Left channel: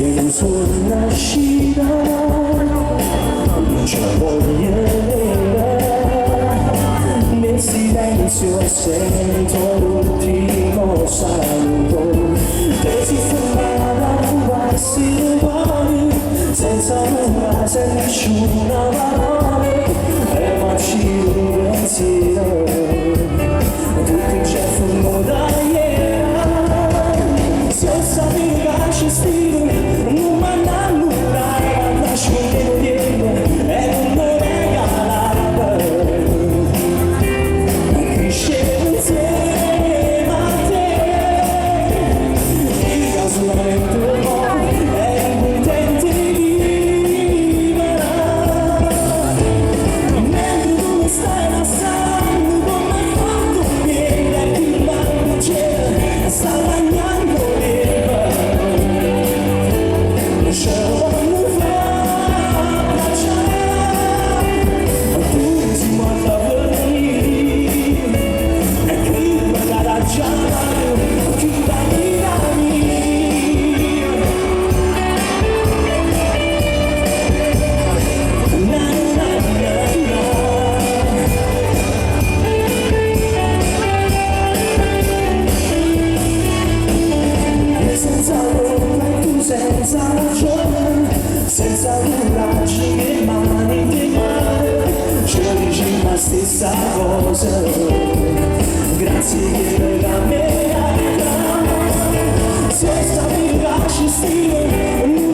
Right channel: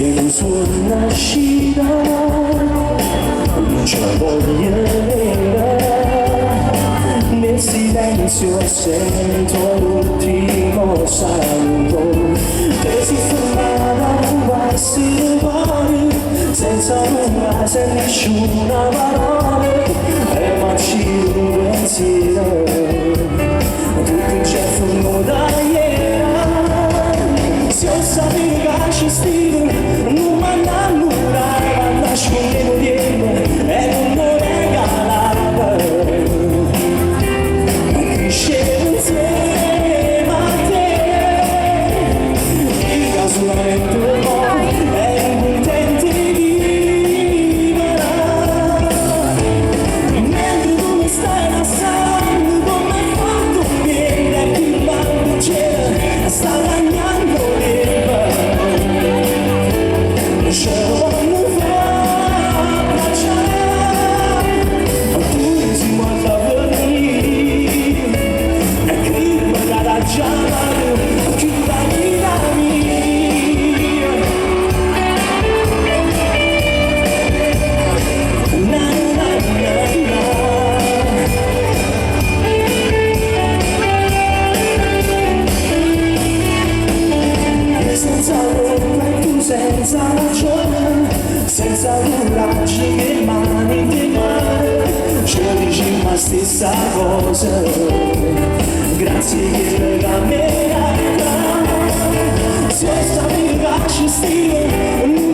e non suonascita, non ce la voglio nel silenzio sento l'ultimo saluto che si fermava quasi le cuore senza nulla, senza nessuna parola e marci un pensiero tutto il gesto da ieri se io sapevo che ci stavo non mi innamorai ma nascondevo dietro e non mi regalava crescevo insieme a te io solamente un po' ero contento di vivere mentre tu mi stai passando come hai fatto bene che il banco c'era sta bagnando ce lo voglio fare abbracciare oppure si guarda per venire e che magari già chiuda vita mia na na na na senza roba e tu senza ragione senza coraggio che mani di mare ci dici la stessa cosa grazie che la me se sapevi che ci stavo